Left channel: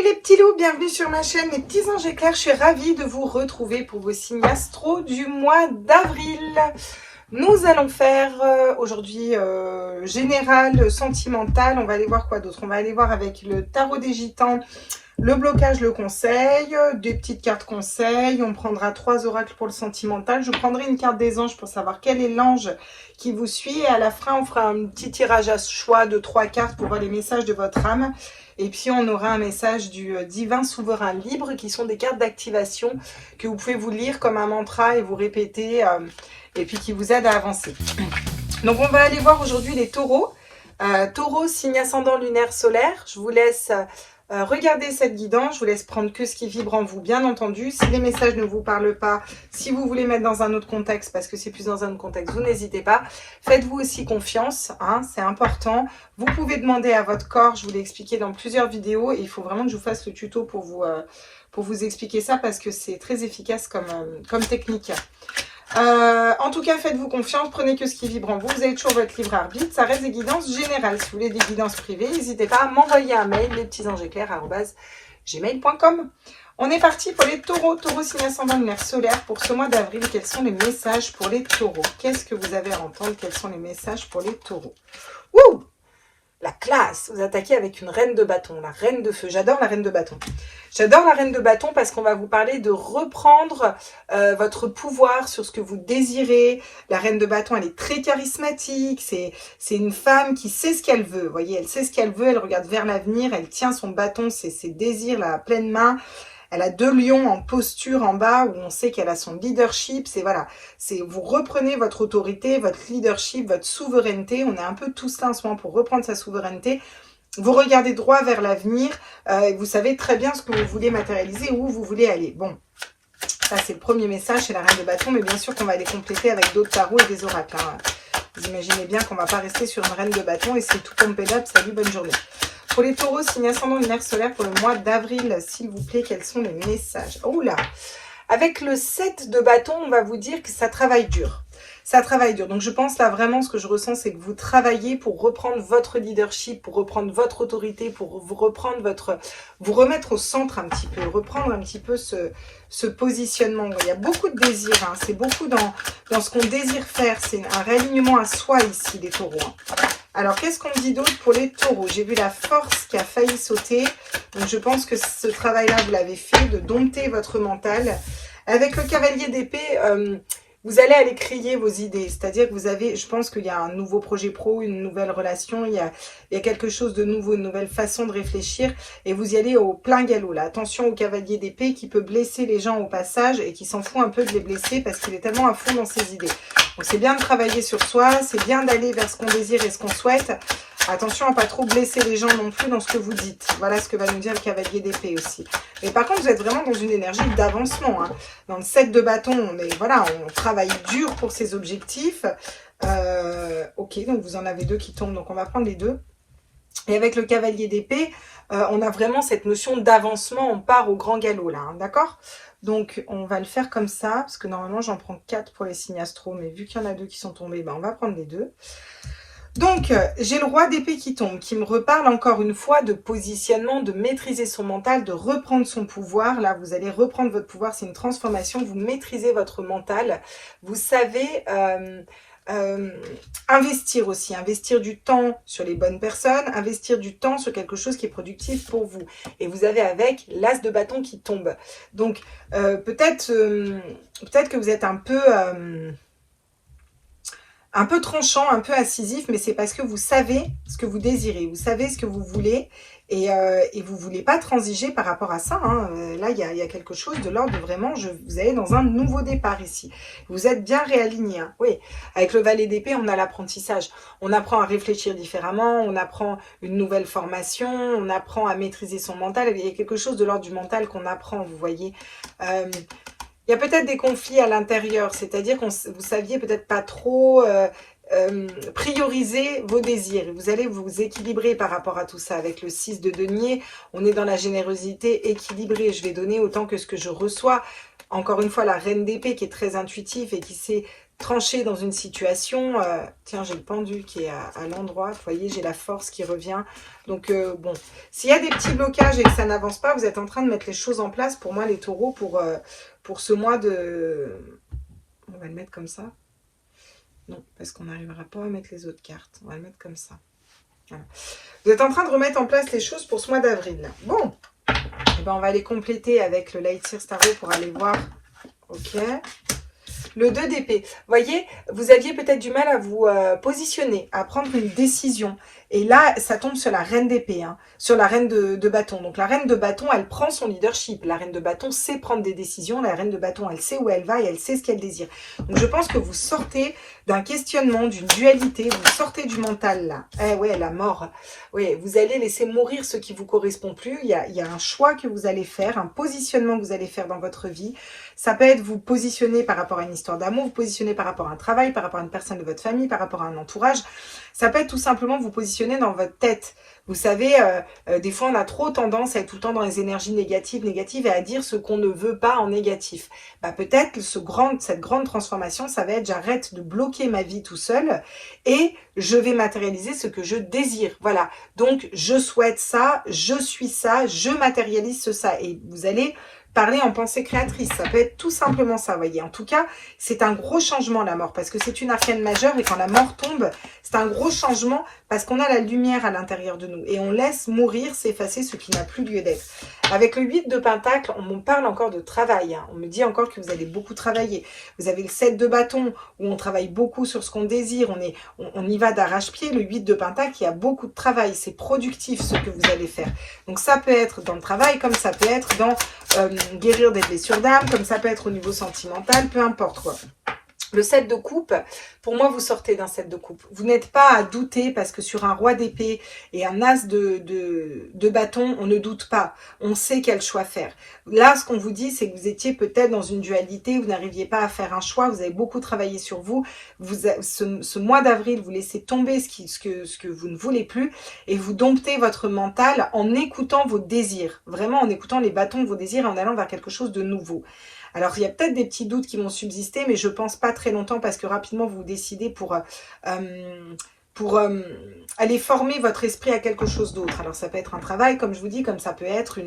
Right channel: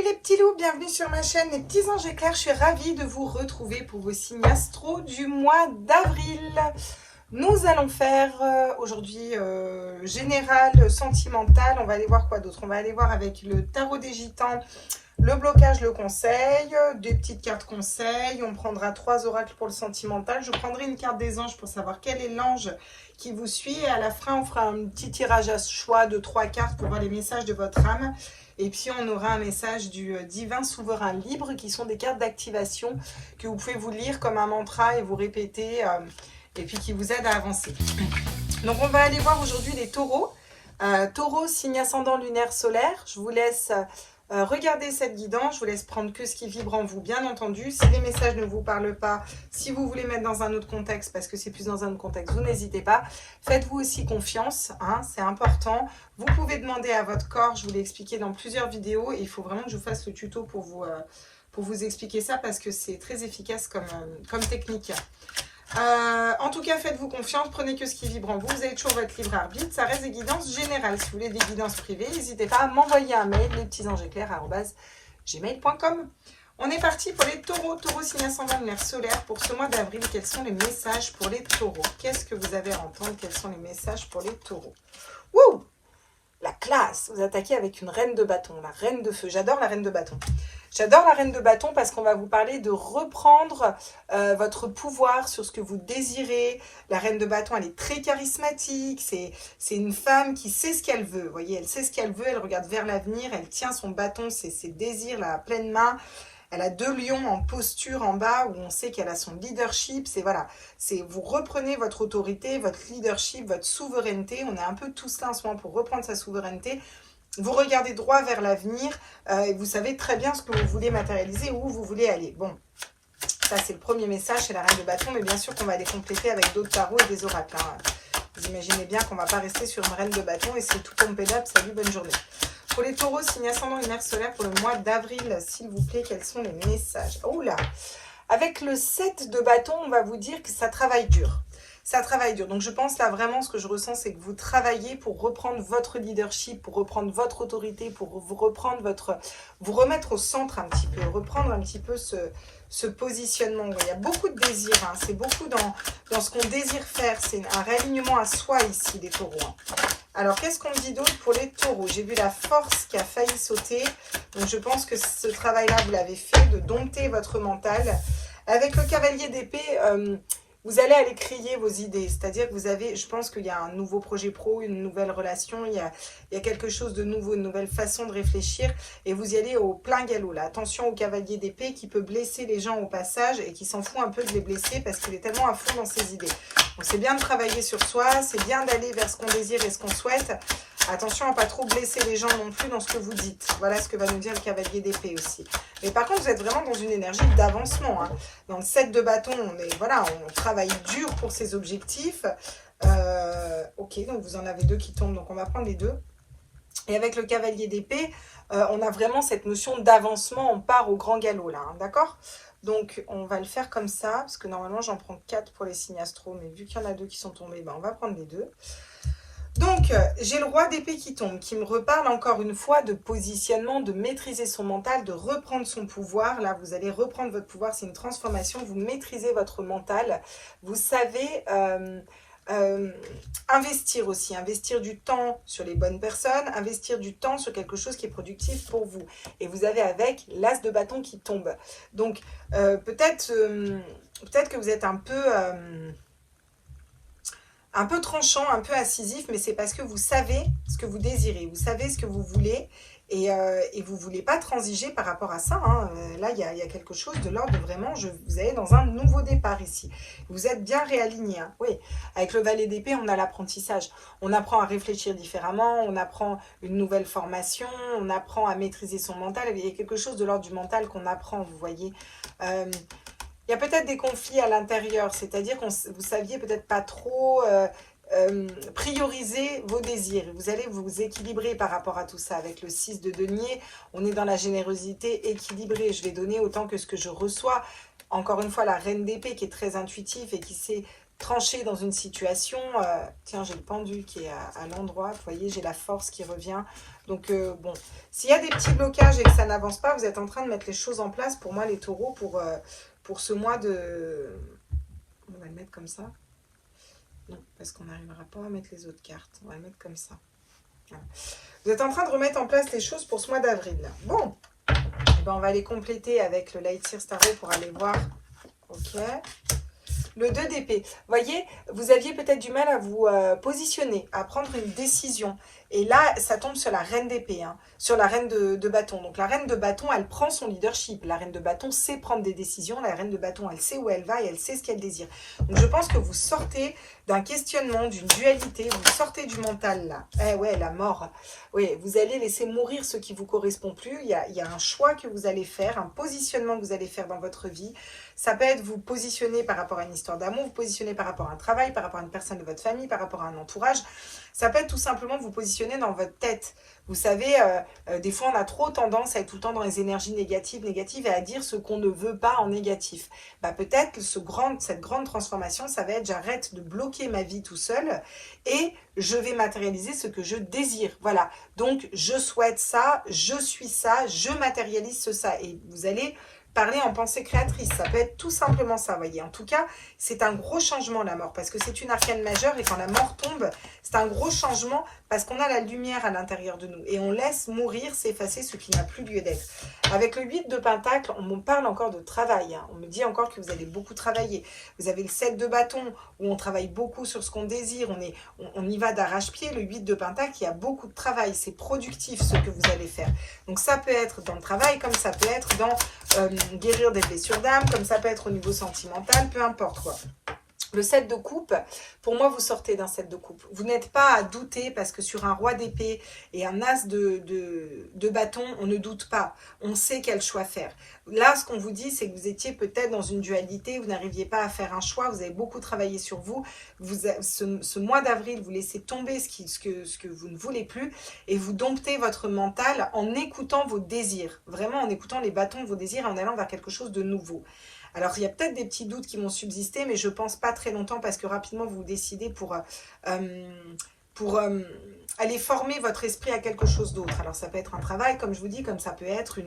Salut les petits loups, bienvenue sur ma chaîne Les Petits Anges Éclairs. Je suis ravie de vous retrouver pour vos signes astro du mois d'avril. Nous allons faire aujourd'hui général, sentimental. On va aller voir quoi d'autre? On va aller voir avec le tarot des gitans, le blocage, le conseil, des petites cartes conseils. On prendra 3 oracles pour le sentimental. Je prendrai une carte des anges pour savoir quel est l'ange qui vous suit. Et à la fin, on fera un petit tirage à choix de 3 cartes pour voir les messages de votre âme. Et puis, on aura un message du divin souverain libre qui sont des cartes d'activation que vous pouvez vous lire comme un mantra et vous répéter et puis qui vous aident à avancer. Donc, on va aller voir aujourd'hui les taureaux. Taureau, signe ascendant lunaire solaire. Je vous laisse regarder cette guidance. Je vous laisse prendre que ce qui vibre en vous, bien entendu. Si les messages ne vous parlent pas, si vous voulez mettre dans un autre contexte, parce que c'est plus dans un autre contexte, vous n'hésitez pas. Faites-vous aussi confiance, hein, c'est important. Vous pouvez demander à votre corps, je vous l'ai expliqué dans plusieurs vidéos, et il faut vraiment que je vous fasse le tuto pour vous expliquer ça, parce que c'est très efficace comme technique. En tout cas, faites-vous confiance, prenez que ce qui vibre en vous. Vous avez toujours votre libre arbitre. Ça reste des guidances générales. Si vous voulez des guidances privées, n'hésitez pas à m'envoyer un mail, lespetitsangeseclairs@gmail.com. On est parti pour les taureaux. Taureau, signe ascendant lunaire solaire pour ce mois d'avril. Quels sont les messages pour les taureaux? Qu'est-ce que vous avez à entendre? Quels sont les messages pour les taureaux? Wouh! La classe! Vous attaquez avec une reine de bâton, la reine de feu. J'adore la reine de bâton. J'adore la reine de bâton parce qu'on va vous parler de reprendre votre pouvoir sur ce que vous désirez. La reine de bâton, elle est très charismatique. C'est une femme qui sait ce qu'elle veut. Vous voyez, elle sait ce qu'elle veut. Elle regarde vers l'avenir. Elle tient son bâton, ses désirs là, à pleine main. Elle a 2 lions en posture en bas où on sait qu'elle a son leadership. C'est voilà, c'est vous reprenez votre autorité, votre leadership, votre souveraineté. On est un peu tous là en ce moment pour reprendre sa souveraineté. Vous regardez droit vers l'avenir et vous savez très bien ce que vous voulez matérialiser, où vous voulez aller. Bon, ça c'est le premier message, c'est la reine de bâton, mais bien sûr qu'on va les compléter avec d'autres tarots et des oracles. Hein. Vous imaginez bien qu'on ne va pas rester sur une reine de bâton et c'est tout pompé up. Salut, bonne journée. Pour les taureaux, signe ascendant lunaire solaire pour le mois d'avril, s'il vous plaît, quels sont les messages? Oh là! Avec le 7 de bâton, on va vous dire que ça travaille dur. Ça travaille dur. Donc, je pense là vraiment, ce que je ressens, c'est que vous travaillez pour reprendre votre leadership, pour reprendre votre autorité, pour vous reprendre vous remettre au centre un petit peu, reprendre un petit peu ce positionnement. Il y a beaucoup de désir, hein. C'est beaucoup dans ce qu'on désire faire. C'est un réalignement à soi ici, les taureaux. Hein. Alors, qu'est-ce qu'on dit d'autre pour les taureaux? J'ai vu la force qui a failli sauter. Donc, je pense que ce travail-là, vous l'avez fait, de dompter votre mental. Avec le cavalier d'épée, vous allez aller crier vos idées. C'est-à-dire que vous avez, je pense qu'il y a un nouveau projet pro, une nouvelle relation, il y a quelque chose de nouveau, une nouvelle façon de réfléchir. Et vous y allez au plein galop, là. Attention au cavalier d'épée qui peut blesser les gens au passage et qui s'en fout un peu de les blesser parce qu'il est tellement à fond dans ses idées. Donc c'est bien de travailler sur soi, c'est bien d'aller vers ce qu'on désire et ce qu'on souhaite. Attention à ne pas trop blesser les gens non plus dans ce que vous dites. Voilà ce que va nous dire le cavalier d'épée aussi. Mais par contre, vous êtes vraiment dans une énergie d'avancement. Hein. Dans le 7 de bâton, on travaille dur pour ses objectifs. Ok, donc vous en avez 2 qui tombent, donc on va prendre les 2. Et avec le cavalier d'épée, on a vraiment cette notion d'avancement. On part au grand galop là, hein, d'accord? Donc, on va le faire comme ça, parce que normalement, j'en prends 4 pour les signes astro, mais vu qu'il y en a 2 qui sont tombés, ben, on va prendre les 2. Donc, j'ai le roi d'épée qui tombe, qui me reparle encore une fois de positionnement, de maîtriser son mental, de reprendre son pouvoir. Là, vous allez reprendre votre pouvoir, c'est une transformation, vous maîtrisez votre mental. Vous savez investir aussi, investir du temps sur les bonnes personnes, investir du temps sur quelque chose qui est productif pour vous. Et vous avez avec l'as de bâton qui tombe. Donc, peut-être que vous êtes un peu tranchant, un peu incisif, mais c'est parce que vous savez ce que vous désirez, vous savez ce que vous voulez et vous ne voulez pas transiger par rapport à ça. Hein. Là, il y a quelque chose de l'ordre de vraiment, vous allez dans un nouveau départ ici. Vous êtes bien réaligné. Hein. Oui, avec le valet d'épée, on a l'apprentissage. On apprend à réfléchir différemment, on apprend une nouvelle formation, on apprend à maîtriser son mental. Il y a quelque chose de l'ordre du mental qu'on apprend, vous voyez. Il y a peut-être des conflits à l'intérieur, c'est-à-dire que vous saviez peut-être pas trop prioriser vos désirs. Vous allez vous équilibrer par rapport à tout ça. Avec le 6 de denier, on est dans la générosité équilibrée. Je vais donner autant que ce que je reçois. Encore une fois, la reine d'épée qui est très intuitive et qui sait trancher dans une situation. Tiens, j'ai le pendule qui est à l'endroit. Vous voyez, j'ai la force qui revient. Donc, bon, s'il y a des petits blocages et que ça n'avance pas, vous êtes en train de mettre les choses en place. Pour moi, les taureaux, pour ce mois de... On va le mettre comme ça. Non, parce qu'on n'arrivera pas à mettre les autres cartes. On va le mettre comme ça. Voilà. Vous êtes en train de remettre en place les choses pour ce mois d'avril. Bon, eh ben, on va aller compléter avec le Light Year Tarot pour aller voir. Ok. Le 2 d'épée. Vous voyez, vous aviez peut-être du mal à vous positionner, à prendre une décision. Et là, ça tombe sur la reine d'épée, hein, sur la reine de bâton. Donc la reine de bâton, elle prend son leadership. La reine de bâton sait prendre des décisions. La reine de bâton, elle sait où elle va et elle sait ce qu'elle désire. Donc je pense que vous sortez d'un questionnement, d'une dualité. Vous sortez du mental là. Eh ouais, la mort. Oui, vous allez laisser mourir ce qui ne vous correspond plus. Il y a un choix que vous allez faire, un positionnement que vous allez faire dans votre vie. Ça peut être vous positionner par rapport à une histoire d'amour, vous positionner par rapport à un travail, par rapport à une personne de votre famille, par rapport à un entourage. Ça peut être tout simplement vous positionner dans votre tête. Vous savez, des fois on a trop tendance à être tout le temps dans les énergies négatives et à dire ce qu'on ne veut pas en négatif. Bah, peut-être cette grande transformation, ça va être j'arrête de bloquer ma vie tout seul et je vais matérialiser ce que je désire. Voilà, donc je souhaite ça, je suis ça, je matérialise ça. Et vous allez parler en pensée créatrice, ça peut être tout simplement ça, vous voyez. En tout cas, c'est un gros changement la mort, parce que c'est une arcane majeure et quand la mort tombe, c'est un gros changement parce qu'on a la lumière à l'intérieur de nous et on laisse mourir, s'effacer ce qui n'a plus lieu d'être. Avec le 8 de Pentacle, on me parle encore de travail, hein. On me dit encore que vous allez beaucoup travailler. Vous avez le 7 de bâton où on travaille beaucoup sur ce qu'on désire, on y va d'arrache-pied. Le 8 de Pentacle, il y a beaucoup de travail, c'est productif ce que vous allez faire. Donc ça peut être dans le travail, comme ça peut être dans guérir des blessures d'âme, comme ça peut être au niveau sentimental, peu importe quoi. Le 7 de coupe, pour moi, vous sortez d'un 7 de coupe. Vous n'êtes pas à douter parce que sur un roi d'épée et un as de bâton, on ne doute pas. On sait quel choix faire. Là, ce qu'on vous dit, c'est que vous étiez peut-être dans une dualité, vous n'arriviez pas à faire un choix, vous avez beaucoup travaillé sur vous. Ce mois d'avril, vous laissez tomber ce que vous ne voulez plus et vous domptez votre mental en écoutant vos désirs. Vraiment en écoutant les bâtons de vos désirs et en allant vers quelque chose de nouveau. Alors, il y a peut-être des petits doutes qui vont subsister, mais je ne pense pas très longtemps parce que rapidement, vous vous décidez pour aller former votre esprit à quelque chose d'autre. Alors, ça peut être un travail, comme je vous dis, comme ça peut être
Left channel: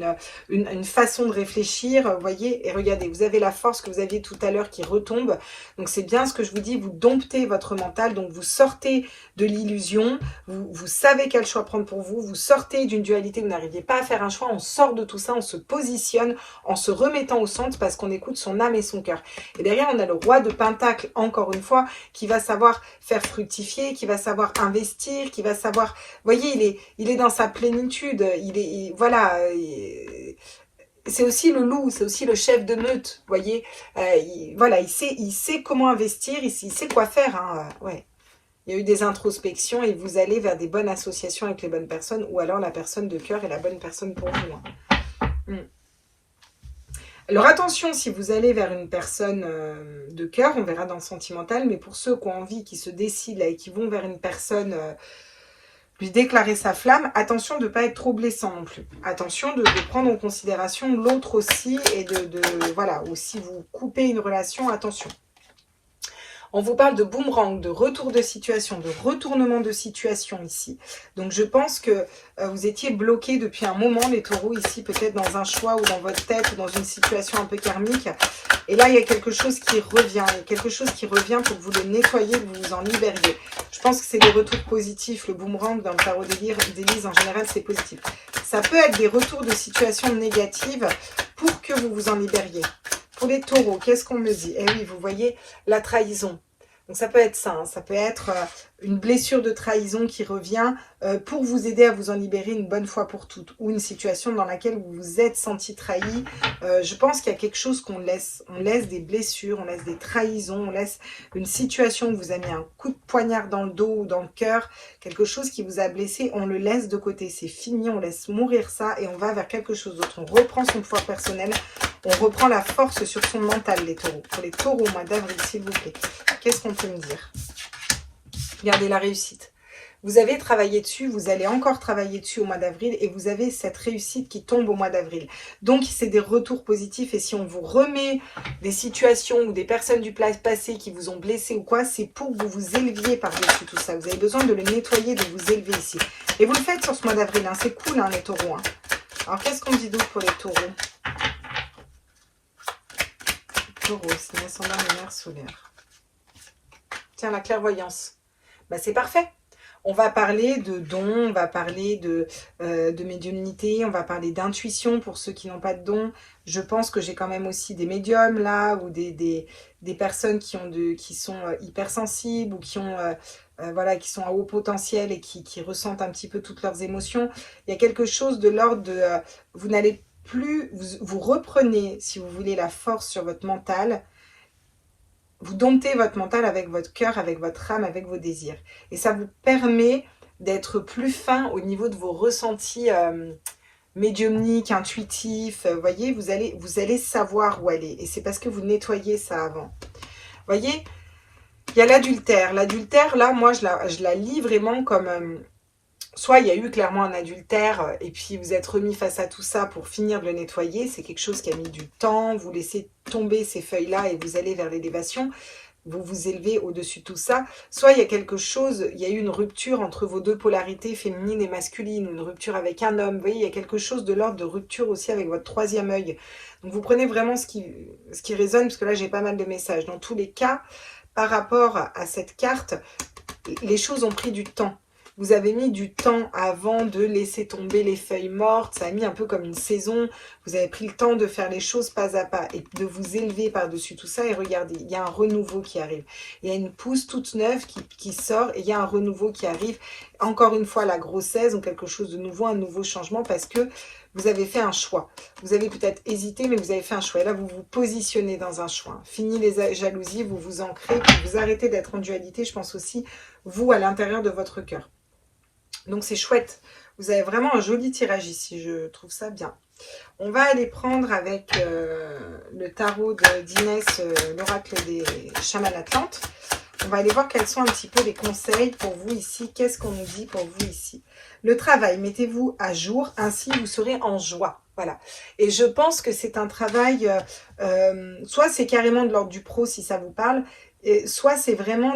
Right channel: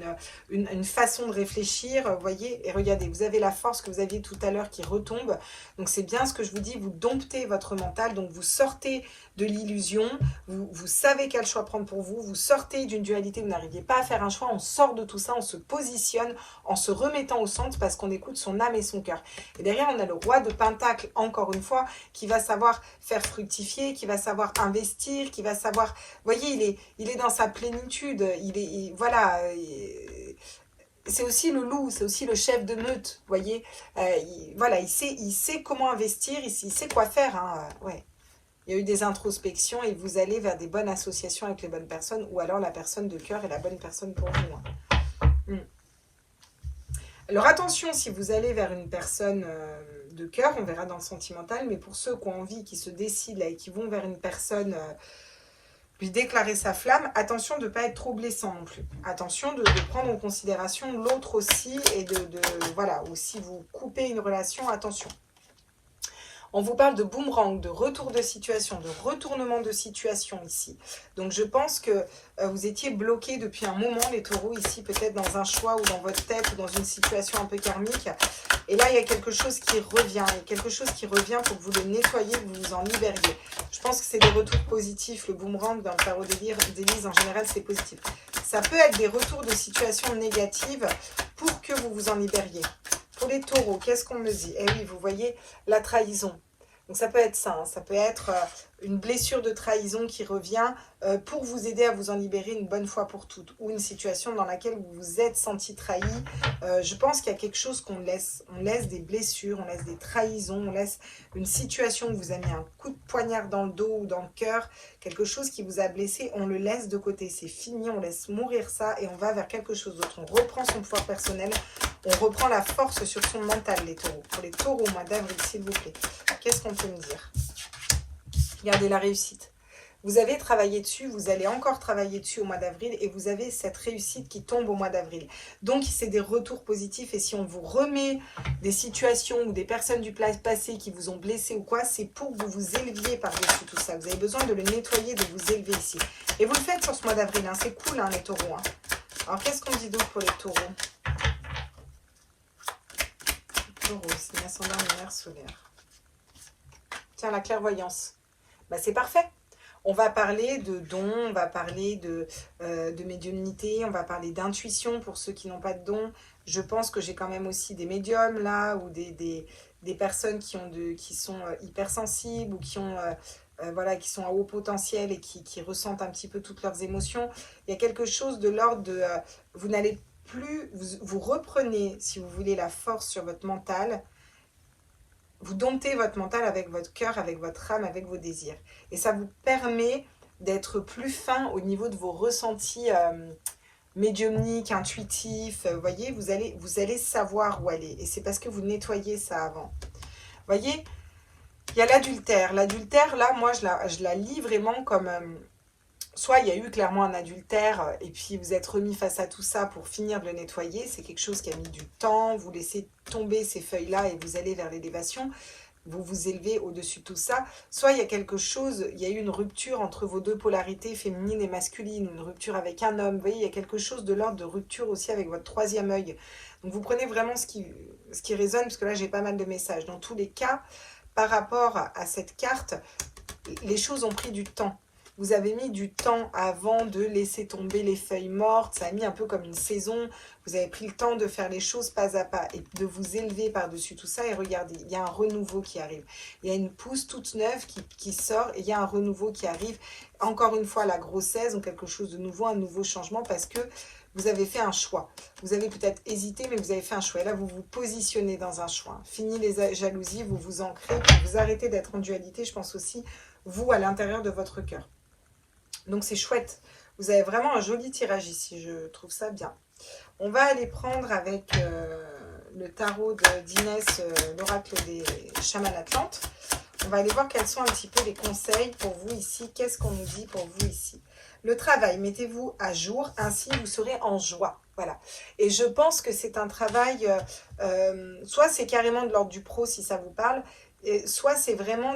une façon de réfléchir, vous voyez. Et regardez, vous avez la force que vous aviez tout à l'heure qui retombe. Donc, c'est bien ce que je vous dis, vous domptez votre mental, donc vous sortez de l'illusion, vous savez quel choix prendre pour vous, vous sortez d'une dualité, vous n'arriviez pas à faire un choix, on sort de tout ça, on se positionne en se remettant au centre parce qu'on écoute son âme et son cœur. Et derrière, on a le roi de Pentacle, encore une fois, qui va savoir faire fructifier, qui va savoir investir, qui va savoir... Vous voyez, il est dans sa plénitude, voilà... C'est aussi le loup, c'est aussi le chef de meute, vous voyez. Voilà, il sait comment investir, il sait quoi faire, hein, ouais. Il y a eu des introspections et vous allez vers des bonnes associations avec les bonnes personnes ou alors la personne de cœur est la bonne personne pour vous. Hein. Alors attention, si vous allez vers une personne de cœur, on verra dans le sentimental, mais pour ceux qui ont envie, qui se décident là, et qui vont vers une personne, lui déclarer sa flamme, attention de ne pas être trop blessant non plus. Attention de prendre en considération l'autre aussi et voilà, ou si vous coupez une relation, attention. On vous parle de boomerang, de retour de situation, de retournement de situation ici. Donc je pense que vous étiez bloqué depuis un moment, les taureaux, ici, peut-être dans un choix ou dans votre tête ou dans une situation un peu karmique. Et là, il y a quelque chose qui revient. Il y a quelque chose qui revient pour que vous le nettoyiez, que vous vous en libériez. Je pense que c'est des retours positifs. Le boomerang dans le tarot d'Élise, en général, c'est positif. Ça peut être des retours de situations négatives pour que vous vous en libériez. Pour les taureaux, qu'est-ce qu'on me dit? Eh oui, vous voyez, la trahison. Donc ça peut être ça, hein. Ça peut être une blessure de trahison qui revient pour vous aider à vous en libérer une bonne fois pour toutes. Ou une situation dans laquelle vous vous êtes senti trahi. Je pense qu'il y a quelque chose qu'on laisse. On laisse des blessures, on laisse des trahisons, on laisse une situation où vous avez mis un coup de poignard dans le dos ou dans le cœur. Quelque chose qui vous a blessé, on le laisse de côté. C'est fini, on laisse mourir ça et on va vers quelque chose d'autre. On reprend son pouvoir personnel. On reprend la force sur son mental, les taureaux. Pour les taureaux au mois d'avril, s'il vous plaît. Qu'est-ce qu'on peut me dire? Regardez la réussite. Vous avez travaillé dessus, vous allez encore travailler dessus au mois d'avril et vous avez cette réussite qui tombe au mois d'avril. Donc, c'est des retours positifs et si on vous remet des situations ou des personnes du passé qui vous ont blessé ou quoi, c'est pour que vous vous éleviez par-dessus tout ça. Vous avez besoin de le nettoyer, de vous élever ici. Et vous le faites sur ce mois d'avril, hein. C'est cool, hein, les taureaux. Hein. Alors, qu'est-ce qu'on dit d'autre pour les taureaux? Taureau, signe ascendant lunaire solaire. Tiens, la clairvoyance. Bah, c'est parfait. On va parler de dons, on va parler de médiumnité, on va parler d'intuition pour ceux qui n'ont pas de dons. Je pense que j'ai quand même aussi des médiums là, ou des personnes qui sont hypersensibles ou qui ont voilà, qui sont à haut potentiel et qui ressentent un petit peu toutes leurs émotions. Il y a quelque chose de l'ordre de vous n'allez plus, vous reprenez, si vous voulez, la force sur votre mental. Vous domptez votre mental avec votre cœur, avec votre âme, avec vos désirs. Et ça vous permet d'être plus fin au niveau de vos ressentis médiumniques, intuitifs. Vous voyez, vous allez savoir où aller. Et c'est parce que vous nettoyez ça avant. Vous voyez, il y a l'adultère. L'adultère, là, moi, je la lis vraiment comme... soit il y a eu clairement un adultère et puis vous êtes remis face à tout ça pour finir de le nettoyer. C'est quelque chose qui a mis du temps. Vous laissez tomber ces feuilles-là et vous allez vers l'élévation. Vous vous élevez au-dessus de tout ça. Soit il y a quelque chose, il y a eu une rupture entre vos deux polarités, féminine et masculine, une rupture avec un homme. Vous voyez, il y a quelque chose de l'ordre de rupture aussi avec votre troisième œil. Donc vous prenez vraiment ce qui résonne, parce que là j'ai pas mal de messages. Dans tous les cas, par rapport à cette carte, les choses ont pris du temps. Vous avez mis du temps avant de laisser tomber les feuilles mortes. Ça a mis un peu comme une saison. Vous avez pris le temps de faire les choses pas à pas et de vous élever par-dessus tout ça. Et regardez, il y a un renouveau qui arrive. Il y a une pousse toute neuve qui sort et il y a un renouveau qui arrive. Encore une fois, la grossesse ou quelque chose de nouveau, un nouveau changement parce que vous avez fait un choix. Vous avez peut-être hésité, mais vous avez fait un choix. Et là, vous vous positionnez dans un choix. Fini les jalousies, vous vous ancrez, puis vous arrêtez d'être en dualité. Je pense aussi, vous, à l'intérieur de votre cœur. Donc c'est chouette, vous avez vraiment un joli tirage ici, je trouve ça bien. On va aller prendre avec le tarot d'Inès, l'oracle des chamans atlantes. On va aller voir quels sont un petit peu les conseils pour vous ici. Qu'est-ce qu'on nous dit pour vous ici? Le travail, mettez-vous à jour, ainsi vous serez en joie. Voilà. Et je pense que c'est un travail, soit c'est carrément de l'ordre du pro si ça vous parle, et soit c'est vraiment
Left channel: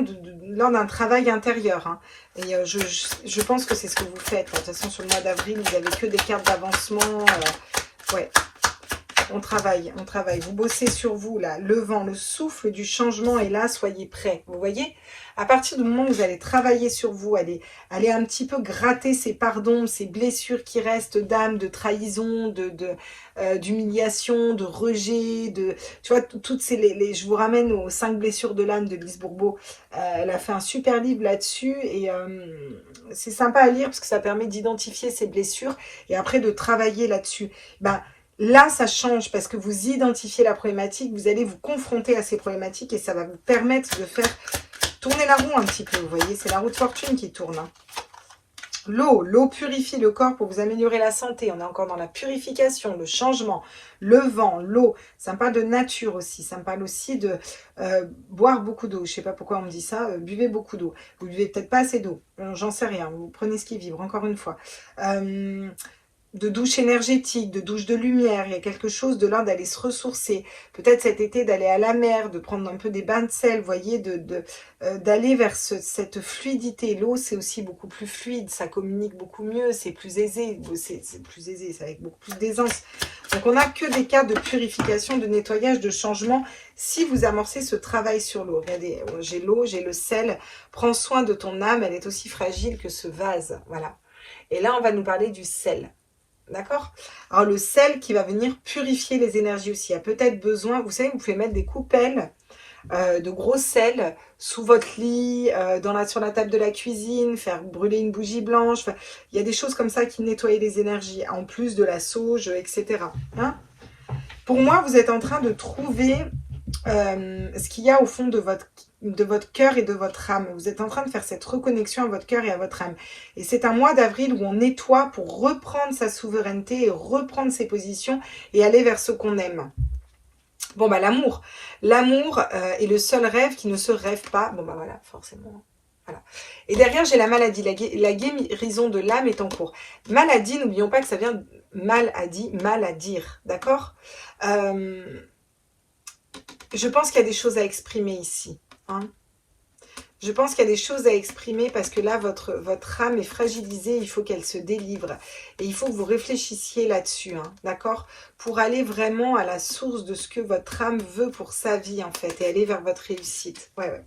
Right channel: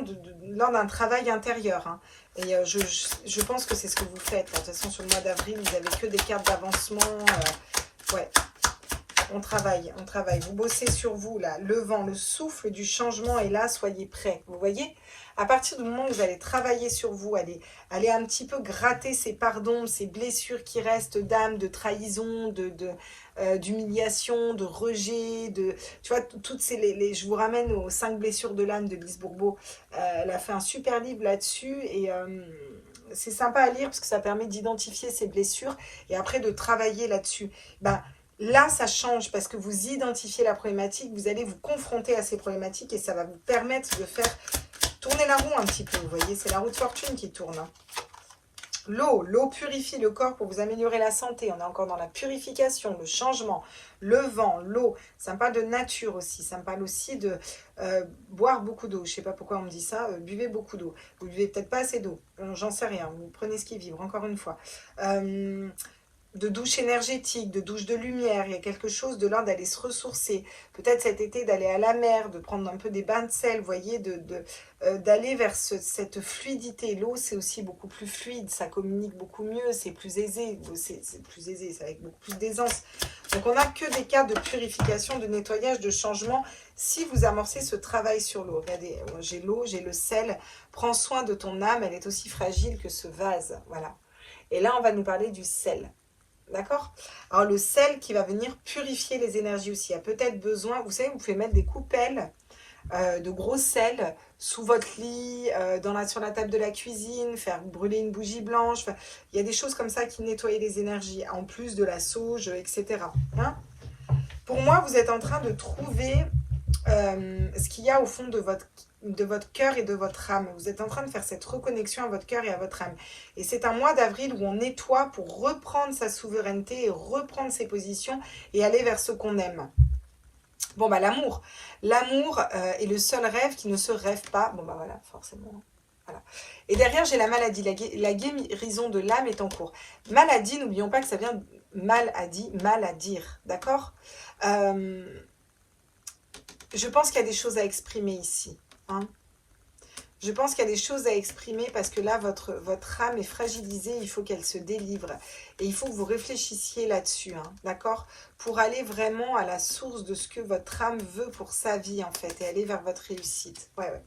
lors d'un travail intérieur. Hein. Et je pense que c'est ce que vous faites. De toute façon, sur le mois d'avril, vous n'avez que des cartes d'avancement. Ouais, on travaille, on travaille. Vous bossez sur vous, là. Le vent, le souffle du changement est là, soyez prêts. Vous voyez? À partir du moment où vous allez travailler sur vous, aller un petit peu gratter ces pardons, ces blessures qui restent d'âme, de trahison, d'humiliation, de rejet, tu vois, toutes ces... je vous ramène aux 5 blessures de l'âme de Lise Bourbeau. Elle a fait un super livre là-dessus et c'est sympa à lire parce que ça permet d'identifier ces blessures et après de travailler là-dessus. Là, ça change parce que vous identifiez la problématique, vous allez vous confronter à ces problématiques et ça va vous permettre de faire tourner la roue un petit peu. Vous voyez, c'est la roue de fortune qui tourne. Hein. L'eau purifie le corps pour vous améliorer la santé. On est encore dans la purification, le changement, le vent, l'eau. Ça me parle de nature aussi. Ça me parle aussi de boire beaucoup d'eau. Je ne sais pas pourquoi on me dit ça. Buvez beaucoup d'eau. Vous ne buvez peut-être pas assez d'eau. J'en sais rien. Vous prenez ce qui vibre, encore une fois. De douche énergétique, de douche de lumière. Il y a quelque chose de l'ordre d'aller se ressourcer. Peut-être cet été d'aller à la mer, de prendre un peu des bains de sel, vous voyez, d'aller vers cette fluidité. L'eau, c'est aussi beaucoup plus fluide, ça communique beaucoup mieux, c'est plus aisé. C'est plus aisé, c'est avec beaucoup plus d'aisance. Donc, on n'a que des cas de purification, de nettoyage, de changement. Si vous amorcez ce travail sur l'eau, regardez, j'ai l'eau, j'ai le sel. Prends soin de ton âme, elle est aussi fragile que ce vase. Voilà. Et là, on va nous parler du sel. D'accord? Alors, le sel qui va venir purifier les énergies aussi. Il y a peut-être besoin, vous savez, vous pouvez mettre des coupelles de gros sel sous votre lit, sur la table de la cuisine, faire brûler une bougie blanche. Enfin, il y a des choses comme ça qui nettoient les énergies, en plus de la sauge, etc. Hein? Pour moi, vous êtes en train de trouver ce qu'il y a au fond de votre cœur et de votre âme. Vous êtes en train de faire cette reconnexion à votre cœur et à votre âme. Et c'est un mois d'avril où on nettoie pour reprendre sa souveraineté et reprendre ses positions et aller vers ce qu'on aime. Bon, l'amour. L'amour est le seul rêve qui ne se rêve pas. Bon, voilà, forcément. Voilà. Et derrière, j'ai la maladie. La guérison de l'âme est en cours. Maladie, n'oublions pas que ça vient de mal à dire, mal à dire. D'accord? Je pense qu'il y a des choses à exprimer ici. Hein. Je pense qu'il y a des choses à exprimer parce que là, votre âme est fragilisée, il faut qu'elle se délivre. Et il faut que vous réfléchissiez là-dessus, hein, d'accord? Pour aller vraiment à la source de ce que votre âme veut pour sa vie, en fait, et aller vers votre réussite. Ouais.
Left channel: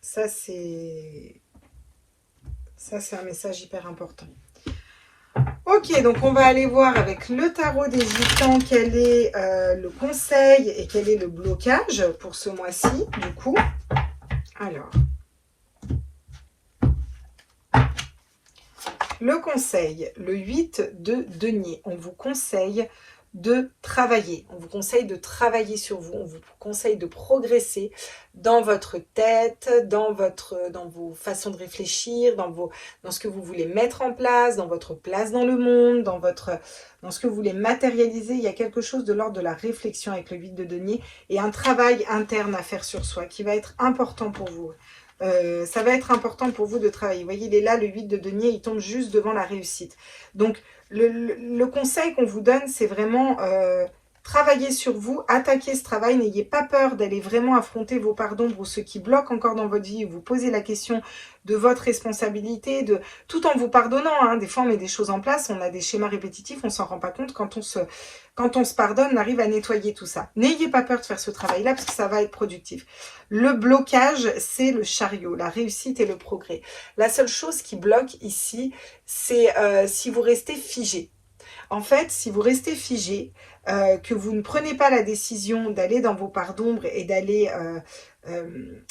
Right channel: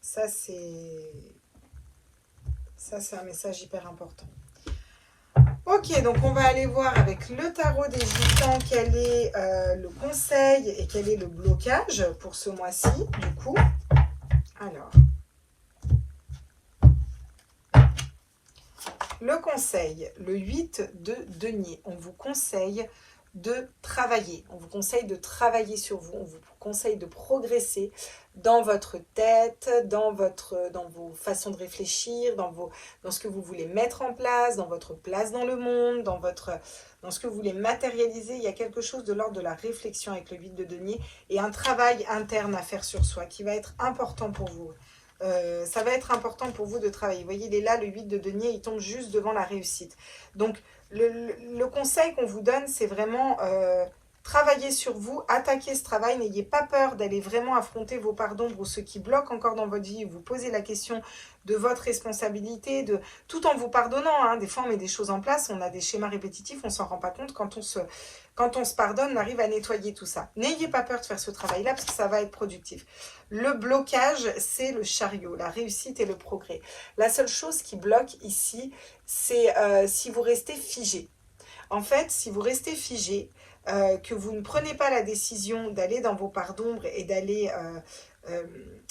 Ça, c'est un message hyper important. Ok, donc on va aller voir avec le tarot des gitans quel est le conseil et quel est le blocage pour ce mois-ci, du coup. Alors, le conseil, le 8 de denier, on vous conseille de travailler. On vous conseille de travailler sur vous, on vous conseille de progresser dans votre tête, dans vos façons de réfléchir, dans ce que vous voulez mettre en place, dans votre place dans le monde, dans ce que vous voulez matérialiser. Il y a quelque chose de l'ordre de la réflexion avec le 8 de denier et un travail interne à faire sur soi qui va être important pour vous. Ça va être important pour vous de travailler. Vous voyez, il est là, le 8 de denier, il tombe juste devant la réussite. Donc, le conseil qu'on vous donne, c'est vraiment travailler sur vous, attaquer ce travail. N'ayez pas peur d'aller vraiment affronter vos parts d'ombre ou ce qui bloque encore dans votre vie. Vous posez la question de votre responsabilité, tout en vous pardonnant. Hein. Des fois, on met des choses en place, on a des schémas répétitifs, on ne s'en rend pas compte. Quand on se pardonne, on arrive à nettoyer tout ça. N'ayez pas peur de faire ce travail-là parce que ça va être productif. Le blocage, c'est le chariot, la réussite et le progrès. La seule chose qui bloque ici, c'est si vous restez figé. En fait, si vous restez figé, que vous ne prenez pas la décision d'aller dans vos parts d'ombre et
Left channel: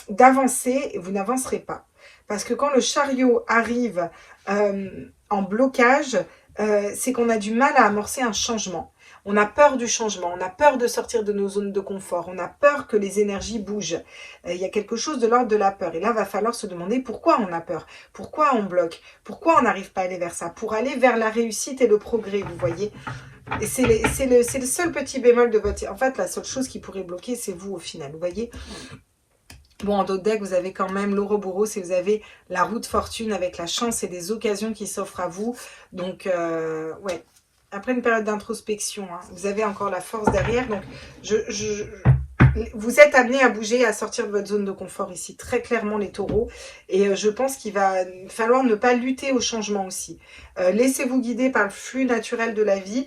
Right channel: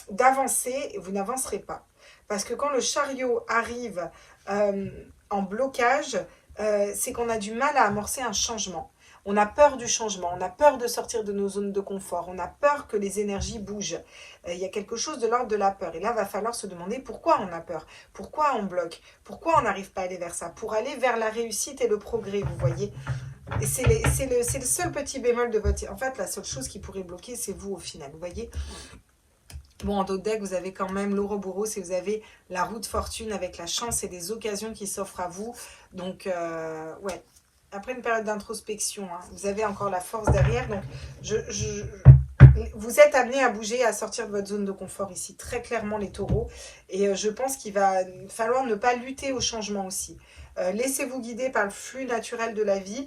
d'avancer, vous n'avancerez pas. Parce que quand le chariot arrive en blocage, c'est qu'on a du mal à amorcer un changement. On a peur du changement, on a peur de sortir de nos zones de confort, on a peur que les énergies bougent. Il y a quelque chose de l'ordre de la peur. Et là, il va falloir se demander pourquoi on a peur, pourquoi on bloque, pourquoi on n'arrive pas à aller vers ça, pour aller vers la réussite et le progrès, vous voyez. Et c'est le seul petit bémol de votre... En fait, la seule chose qui pourrait bloquer, c'est vous au final, vous voyez. Bon, en d'autres decks, vous avez quand même l'Ouroboros et vous avez la roue de fortune avec la chance et des occasions qui s'offrent à vous. Donc, ouais. Après une période d'introspection, hein, vous avez encore la force derrière. Donc, vous êtes amenés à bouger, à sortir de votre zone de confort ici, très clairement les taureaux. Et je pense qu'il va falloir ne pas lutter au changement aussi. Laissez-vous guider par le flux naturel de la vie.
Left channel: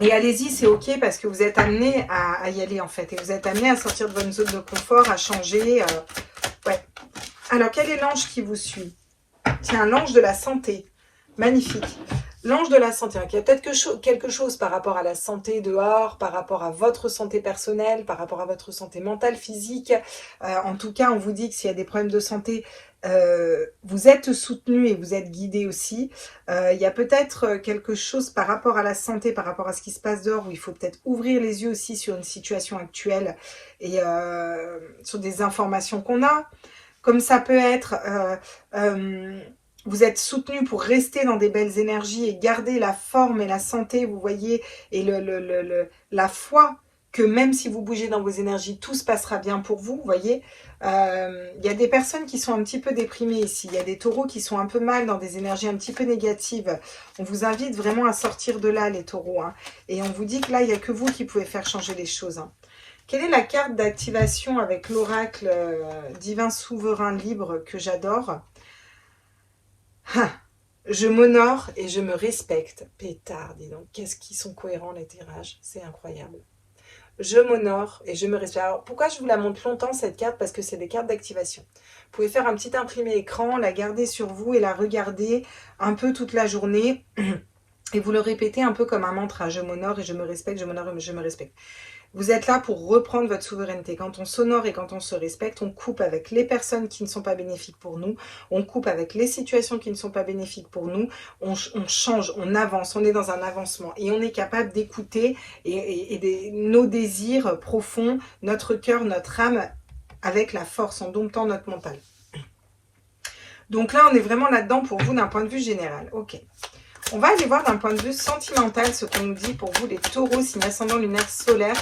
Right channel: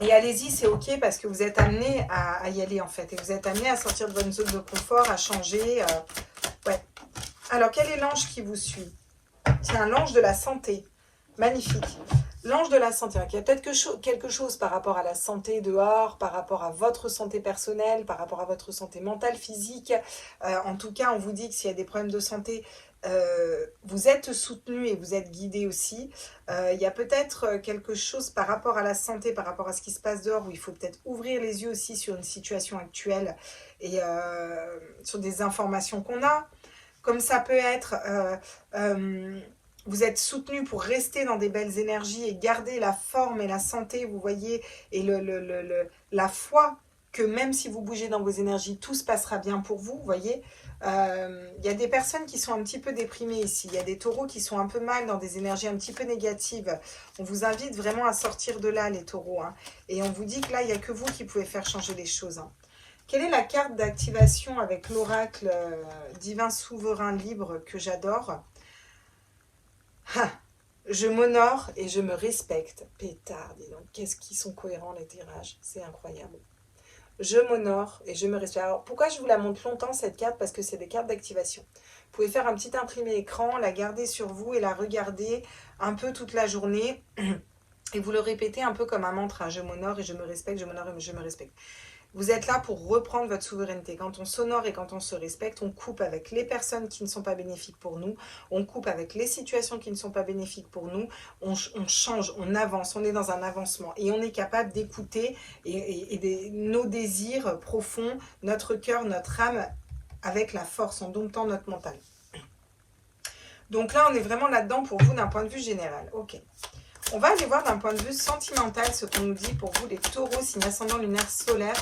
Et allez-y, c'est ok parce que vous êtes amenés à y aller en fait. Et vous êtes amenés à sortir de votre zone de confort, à changer. Ouais. Alors, quel est l'ange qui vous suit? Tiens, l'ange de la santé. Magnifique. L'ange de la santé, il y a peut-être quelque chose par rapport à la santé dehors, par rapport à votre santé personnelle, par rapport à votre santé mentale, physique. En tout cas, on vous dit que s'il y a des problèmes de santé, vous êtes soutenu et vous êtes guidé aussi. Il y a peut-être quelque chose par rapport à la santé, par rapport à ce qui se passe dehors, où il faut peut-être ouvrir les yeux aussi sur une situation actuelle et sur des informations qu'on a. Comme ça peut être... vous êtes soutenu pour rester dans des belles énergies et garder la forme et la santé, vous voyez, et la foi que même si vous bougez dans vos énergies, tout se passera bien pour vous, vous voyez. Il y a des personnes qui sont un petit peu déprimées ici. Il y a des taureaux qui sont un peu mal dans des énergies un petit peu négatives. On vous invite vraiment à sortir de là, les taureaux. Hein. Et on vous dit que là, il n'y a que vous qui pouvez faire changer les choses. Hein. Quelle est la carte d'activation avec l'oracle divin souverain libre que j'adore? Je m'honore et je me respecte. Pétard, dis donc, qu'est-ce qu'ils sont cohérents les tirages, c'est incroyable. Je m'honore et je me respecte. Alors, pourquoi je vous la montre longtemps cette carte? Parce que c'est des cartes d'activation. Vous pouvez faire un petit imprimé écran, la garder sur vous et la regarder un peu toute la journée. Et vous le répétez un peu comme un mantra. Je m'honore et je me respecte, je m'honore et je me respecte. Vous êtes là pour reprendre votre souveraineté. Quand on s'honore et quand on se respecte, on coupe avec les personnes qui ne sont pas bénéfiques pour nous. On coupe avec les situations qui ne sont pas bénéfiques pour nous. On change, on avance, on est dans un avancement. Et on est capable d'écouter nos désirs profonds, notre cœur, notre âme, avec la force, en domptant notre mental. Donc là, on est vraiment là-dedans pour vous d'un point de vue général. Ok. On va aller voir d'un point de vue sentimental ce qu'on nous dit pour vous, les taureaux, signe ascendant lunaire solaire,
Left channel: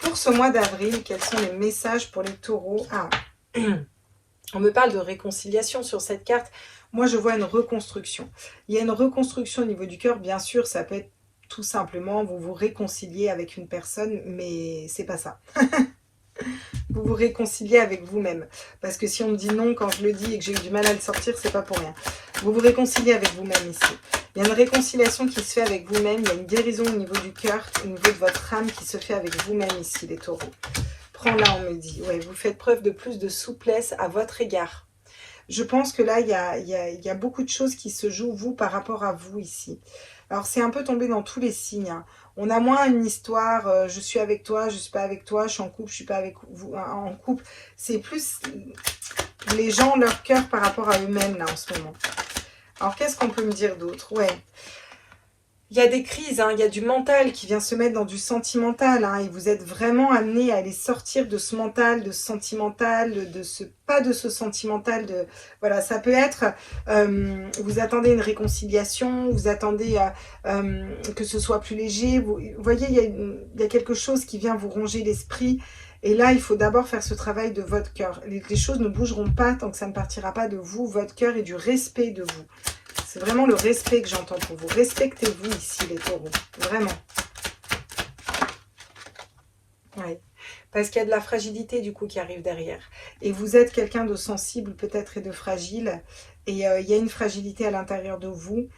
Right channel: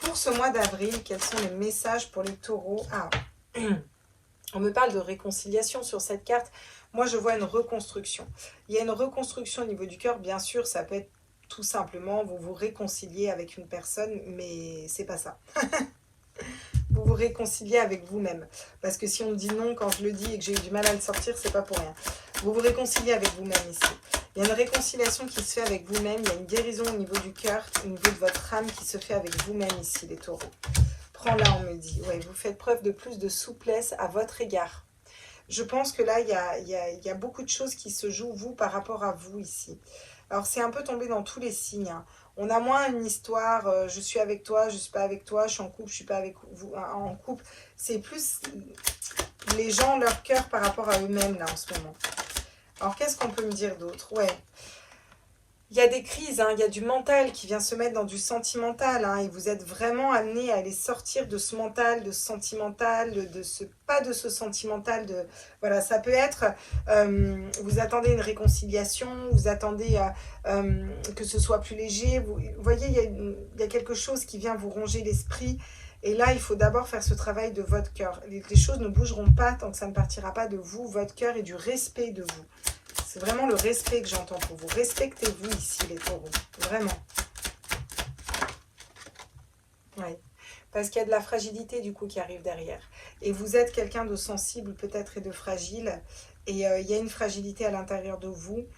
pour ce mois d'avril. Quels sont les messages pour les taureaux? Ah, On me parle de réconciliation sur cette carte. Moi, je vois une reconstruction. Il y a une reconstruction au niveau du cœur. Bien sûr, ça peut être tout simplement, vous vous réconciliez avec une personne, mais c'est pas ça. Vous vous réconciliez avec vous-même. Parce que si on me dit non quand je le dis et que j'ai eu du mal à le sortir, c'est pas pour rien. Vous vous réconciliez avec vous-même ici. Il y a une réconciliation qui se fait avec vous-même. Il y a une guérison au niveau du cœur, au niveau de votre âme qui se fait avec vous-même ici, les taureaux. Prends-la, on me dit. Ouais, vous faites preuve de plus de souplesse à votre égard. Je pense que là, il y a beaucoup de choses qui se jouent, vous, par rapport à vous ici. Alors, c'est un peu tombé dans tous les signes. Hein. On a moins une histoire, je suis avec toi, je ne suis pas avec toi, je suis en couple, je ne suis pas avec vous en couple. C'est plus les gens, leur cœur par rapport à eux-mêmes, là, en ce moment. Alors, qu'est-ce qu'on peut me dire d'autre? Ouais. Il y a des crises, hein, il y a du mental qui vient se mettre dans du sentimental. Hein, et vous êtes vraiment amené à aller sortir de ce mental, de ce sentimental, pas de ce sentimental. Voilà, ça peut être, vous attendez une réconciliation, vous attendez que ce soit plus léger. Vous voyez, il y a quelque chose qui vient vous ronger l'esprit. Et là, il faut d'abord faire ce travail de votre cœur. Les choses ne bougeront pas tant que ça ne partira pas de vous, votre cœur et du respect de vous. C'est vraiment le respect que j'entends pour vous. Respectez-vous ici, les taureaux. Vraiment. Ouais. Parce qu'il y a de la fragilité, du coup, qui arrive derrière. Et vous êtes quelqu'un de sensible, peut-être, et de fragile. Et il y a une fragilité à l'intérieur de vous,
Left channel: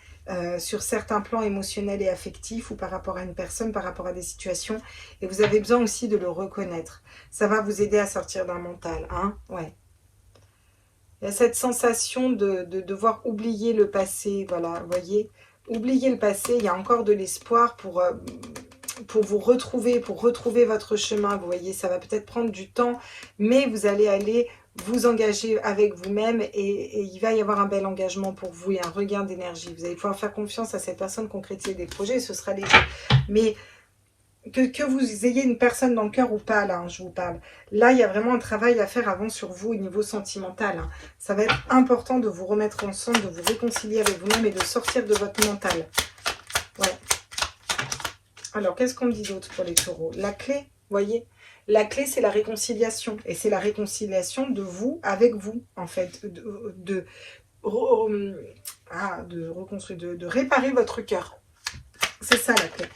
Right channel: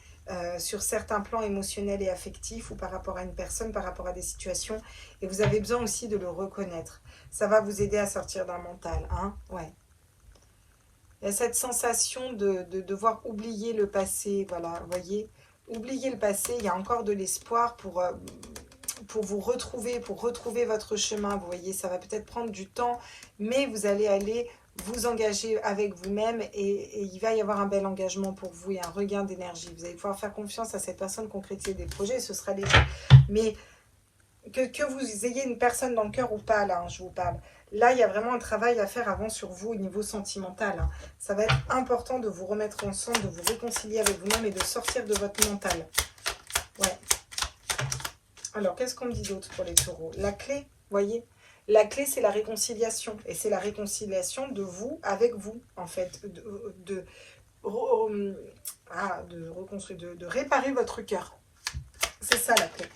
sur certains plans émotionnels et affectifs, ou par rapport à une personne, par rapport à des situations. Et vous avez besoin aussi de le reconnaître. Ça va vous aider à sortir d'un mental. Hein, ouais. Il y a cette sensation de devoir oublier le passé, voilà, vous voyez. Oublier le passé, il y a encore de l'espoir pour vous retrouver, pour retrouver votre chemin, vous voyez. Ça va peut-être prendre du temps, mais vous allez aller vous engager avec vous-même et il va y avoir un bel engagement pour vous et un regain d'énergie. Vous allez pouvoir faire confiance à cette personne, concrétiser des projets, ce sera léger. Mais que vous ayez une personne dans le cœur ou pas, là, hein, je vous parle. Là, il y a vraiment un travail à faire avant sur vous au niveau sentimental. Hein. Ça va être important de vous remettre ensemble, de vous réconcilier avec vous-même et de sortir de votre mental. Ouais. Alors, qu'est-ce qu'on dit d'autre pour les taureaux? La clé, vous voyez? La clé, c'est la réconciliation. Et c'est la réconciliation de vous avec vous, en fait. De réparer votre cœur. C'est ça, la clé.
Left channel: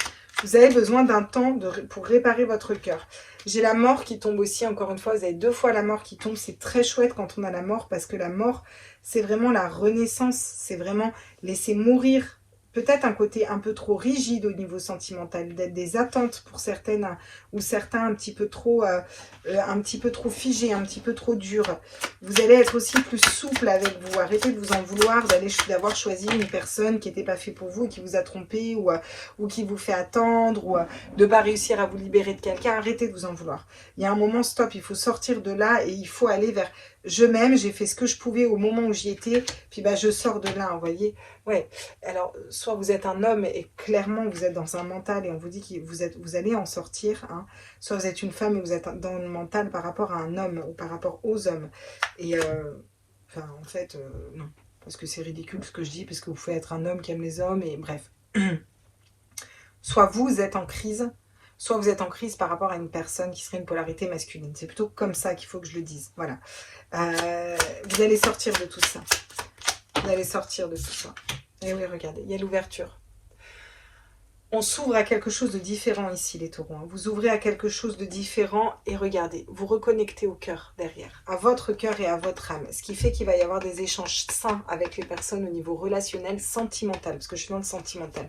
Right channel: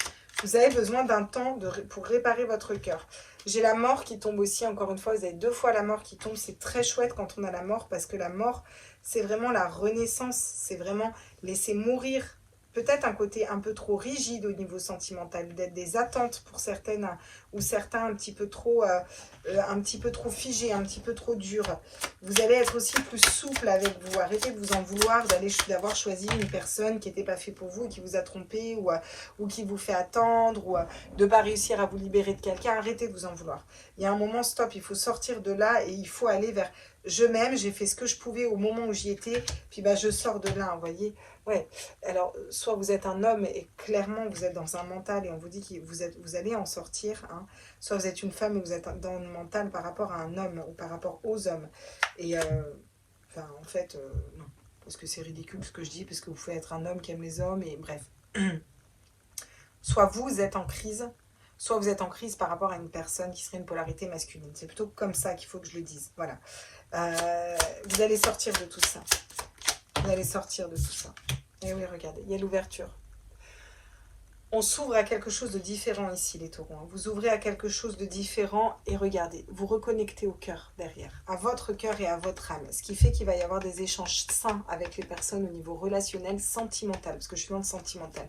Vous avez besoin d'un temps pour réparer votre cœur. J'ai la mort qui tombe aussi, encore une fois, vous avez 2 fois la mort qui tombe. C'est très chouette quand on a la mort, parce que la mort, c'est vraiment la renaissance. C'est vraiment laisser mourir. Peut-être un côté un peu trop rigide au niveau sentimental, d'être des attentes pour certaines ou certains un petit peu trop figés, un petit peu trop durs. Vous allez être aussi plus souple avec vous. Arrêtez de vous en vouloir d'avoir choisi une personne qui n'était pas faite pour vous, qui vous a trompé ou qui vous fait attendre ou de ne pas réussir à vous libérer de quelqu'un. Arrêtez de vous en vouloir. Il y a un moment stop, il faut sortir de là et il faut aller vers je m'aime, j'ai fait ce que je pouvais au moment où j'y étais, puis bah, je sors de là, vous voyez. Ouais, alors soit vous êtes un homme et clairement vous êtes dans un mental et on vous dit que vous allez en sortir, hein. Soit vous êtes une femme et vous êtes dans le mental par rapport à un homme ou par rapport aux hommes. Et enfin, en fait, non, parce que c'est ridicule ce que je dis, parce que vous pouvez être un homme qui aime les hommes et bref. Soit vous êtes en crise, soit vous êtes en crise par rapport à une personne qui serait une polarité masculine. C'est plutôt comme ça qu'il faut que je le dise. Voilà. Vous allez sortir de tout ça. Vous allez sortir de tout ça. Et oui, regardez, il y a l'ouverture. On s'ouvre à quelque chose de différent ici, les taureaux. Vous ouvrez à quelque chose de différent et regardez, vous reconnectez au cœur derrière, à votre cœur et à votre âme. Ce qui fait qu'il va y avoir des échanges sains avec les personnes au niveau relationnel, sentimental, parce que je suis dans le sentimental.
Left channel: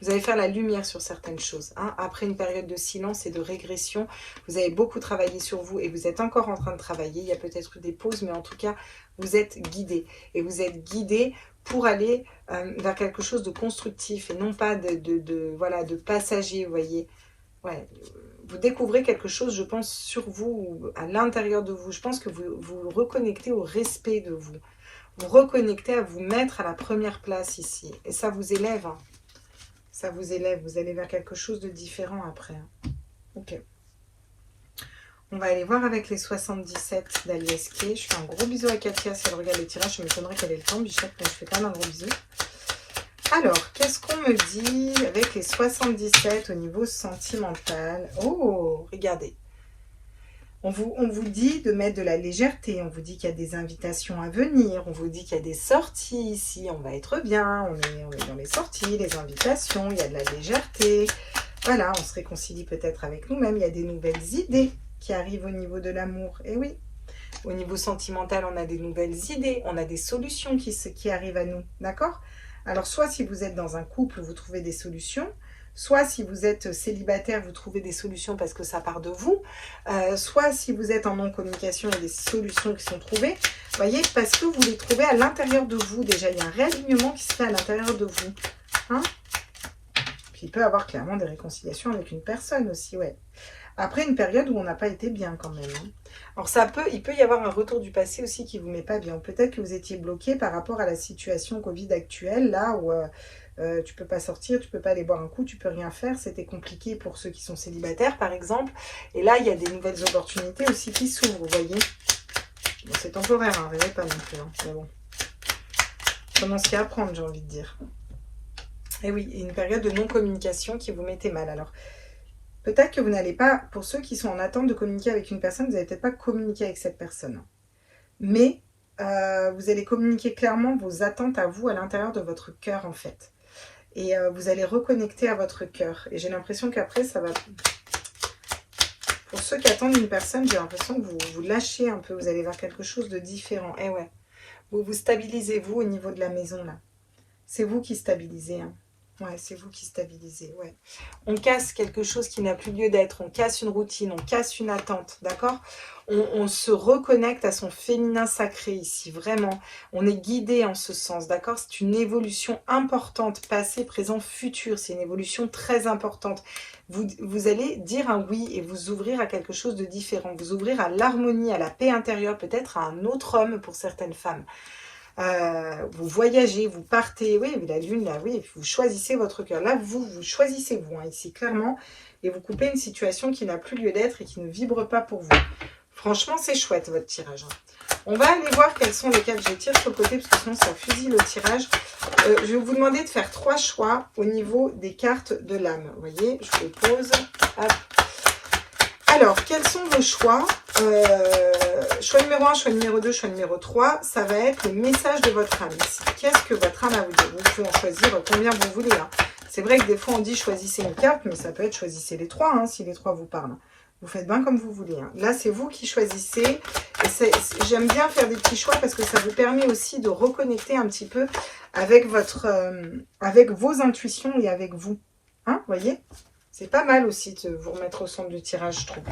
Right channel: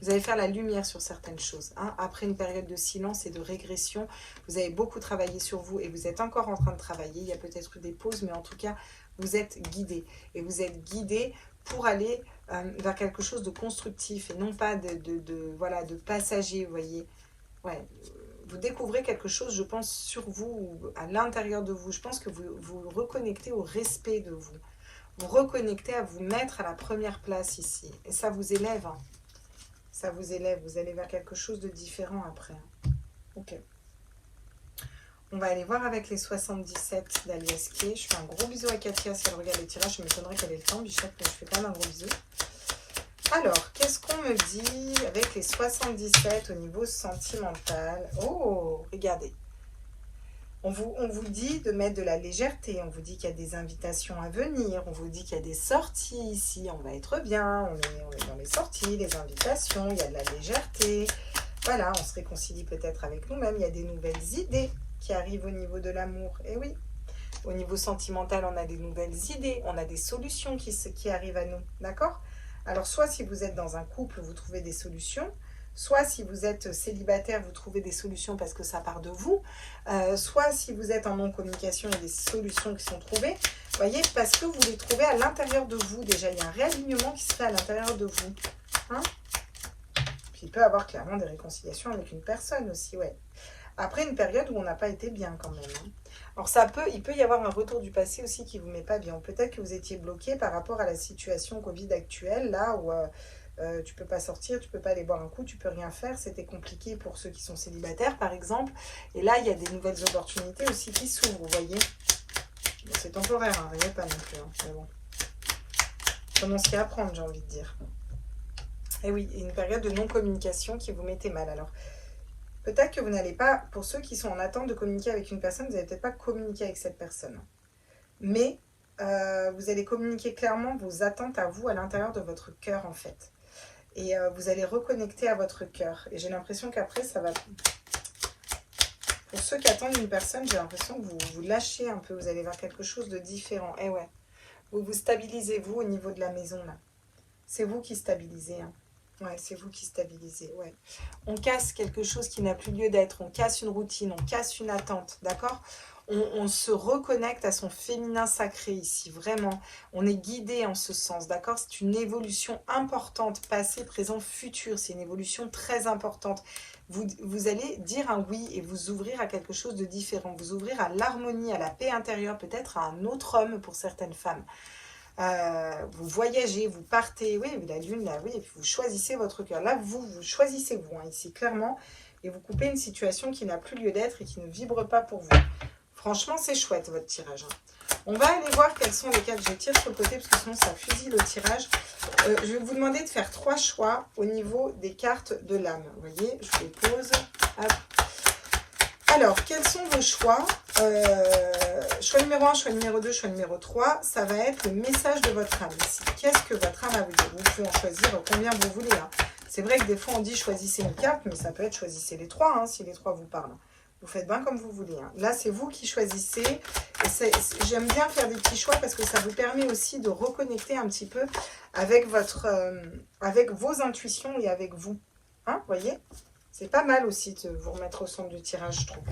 Vous allez faire la lumière sur certaines choses. Hein. Après une période de silence et de régression, vous avez beaucoup travaillé sur vous et vous êtes encore en train de travailler. Il y a peut-être des pauses, mais en tout cas, vous êtes guidé. Et vous êtes guidé pour aller vers quelque chose de constructif et non pas de passager, vous voyez. Ouais, vous découvrez quelque chose, je pense, sur vous, à l'intérieur de vous. Je pense que vous vous reconnectez au respect de vous. Vous reconnectez à vous mettre à la première place ici. Et ça vous élève. Hein. Ça vous élève. Vous allez vers quelque chose de différent après. Hein. Ok. On va aller voir avec les 77 d'Aliesquet. Je fais un gros bisou à Katia si elle regarde les tirages. Je m'étonnerais qu'elle ait le temps, Bichette, mais je fais quand même un gros bisou. Alors, qu'est-ce qu'on me dit avec les 77 au niveau sentimental? Oh, regardez. On vous dit de mettre de la légèreté, on vous dit qu'il y a des invitations à venir, on vous dit qu'il y a des sorties ici, on va être bien, on est dans les sorties, les invitations, il y a de la légèreté. Voilà, on se réconcilie peut-être avec nous-mêmes, il y a des nouvelles idées qui arrivent au niveau de l'amour. Et oui, au niveau sentimental, on a des nouvelles idées, on a des solutions qui arrivent à nous, d'accord? Alors, soit si vous êtes dans un couple, vous trouvez des solutions, soit si vous êtes célibataire, vous trouvez des solutions parce que ça part de vous, soit si vous êtes en non-communication, il y a des solutions qui sont trouvées, vous voyez, parce que vous les trouvez à l'intérieur de vous. Déjà, il y a un réalignement qui se fait à l'intérieur de vous. Hein? Puis il peut y avoir clairement des réconciliations avec une personne aussi, ouais. Après une période où on n'a pas été bien quand même. Hein. Alors il peut y avoir un retour du passé aussi qui ne vous met pas bien. Peut-être que vous étiez bloqué par rapport à la situation Covid actuelle, là où tu ne peux pas sortir, tu ne peux pas aller boire un coup, tu ne peux rien faire. C'était compliqué pour ceux qui sont célibataires par exemple. Et là, il y a des nouvelles opportunités aussi qui s'ouvrent, vous voyez. Bon, c'est temporaire, hein, rêvez pas non plus. Hein, mais bon. Comment ce qu'il y a à apprendre, j'ai envie de dire. Et oui, une période de non-communication qui vous mettait mal. Alors, peut-être que vous n'allez pas, pour ceux qui sont en attente de communiquer avec une personne, vous n'allez peut-être pas communiquer avec cette personne. Mais vous allez communiquer clairement vos attentes à vous à l'intérieur de votre cœur en fait. Et vous allez reconnecter à votre cœur. Et j'ai l'impression qu'après, ça va... Pour ceux qui attendent une personne, j'ai l'impression que vous lâchez un peu. Vous allez vers quelque chose de différent. Eh ouais. Vous stabilisez vous au niveau de la maison là. C'est vous qui stabilisez. Hein. Ouais, c'est vous qui stabilisez, ouais. On casse quelque chose qui n'a plus lieu d'être, on casse une routine, on casse une attente, d'accord? On se reconnecte à son féminin sacré ici, vraiment. On est guidé en ce sens, d'accord? C'est une évolution importante, passé, présent, futur. C'est une évolution très importante. Vous allez dire un oui et vous ouvrir à quelque chose de différent. Vous ouvrir à l'harmonie, à la paix intérieure, peut-être à un autre homme pour certaines femmes. Vous voyagez, vous partez, oui, la lune, là, oui, vous choisissez votre cœur. Là, vous choisissez vous, hein, ici, clairement, et vous coupez une situation qui n'a plus lieu d'être et qui ne vibre pas pour vous. Franchement, c'est chouette, votre tirage. Hein. On va aller voir quels sont lesquels je tire sur le côté, parce que sinon, ça fusille le tirage. Je vais vous demander de faire 3 choix au niveau des cartes de l'âme. Vous voyez, je les pose. Hop. Alors, quels sont vos choix? Choix numéro 1, choix numéro 2, choix numéro 3, ça va être le message de votre âme. Qu'est-ce que votre âme a à vous dire? Vous pouvez en choisir combien vous voulez. Hein. C'est vrai que des fois on dit choisissez une carte, mais ça peut être choisissez les 3, hein, si les 3 vous parlent. Vous faites bien comme vous voulez. Hein. Là, c'est vous qui choisissez. J'aime bien faire des petits choix parce que ça vous permet aussi de reconnecter un petit peu avec, avec vos intuitions et avec vous. Hein, voyez? C'est pas mal aussi de vous remettre au centre du tirage, je trouve.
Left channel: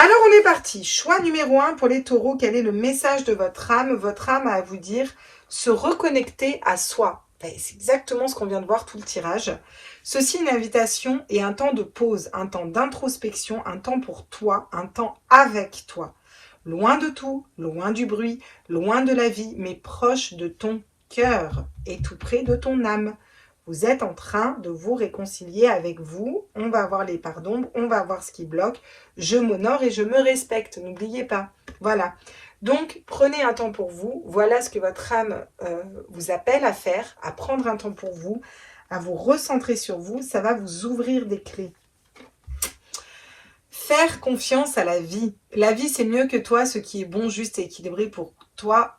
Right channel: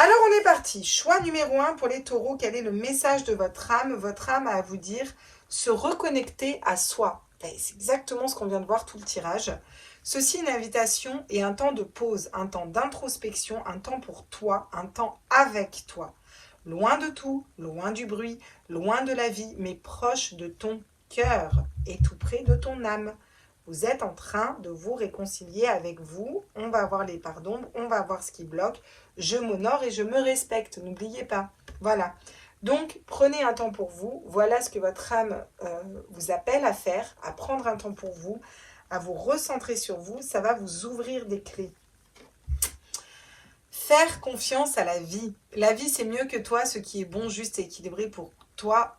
Alors, on est parti. Choix numéro 1 pour les taureaux. Quel est le message de votre âme? Votre âme a à vous dire se reconnecter à soi. C'est exactement ce qu'on vient de voir tout le tirage. Ceci, une invitation et un temps de pause, un temps d'introspection, un temps pour toi, un temps avec toi. Loin de tout, loin du bruit, loin de la vie, mais proche de ton cœur et tout près de ton âme. Vous êtes en train de vous réconcilier avec vous. On va voir les parts d'ombre, on va voir ce qui bloque. Je m'honore et je me respecte, n'oubliez pas. Voilà. Donc, prenez un temps pour vous. Voilà ce que votre âme vous appelle à faire, à prendre un temps pour vous, à vous recentrer sur vous. Ça va vous ouvrir des clés. Faire confiance à la vie. La vie, c'est mieux que toi. Ce qui est bon, juste et équilibré pour toi.